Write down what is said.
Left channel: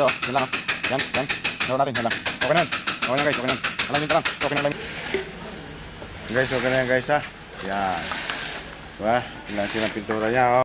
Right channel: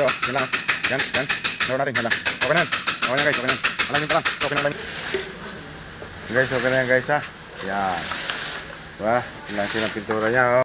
Ito, yan lang. Yan. Gawin natin, yan lang. Okay na yan. Okay na guys, okay na. Alamin ka lang. Okay na, alamin. Guys, okay na yan guys ha. Yan. Diba? Yan lang silang pintura niya oh.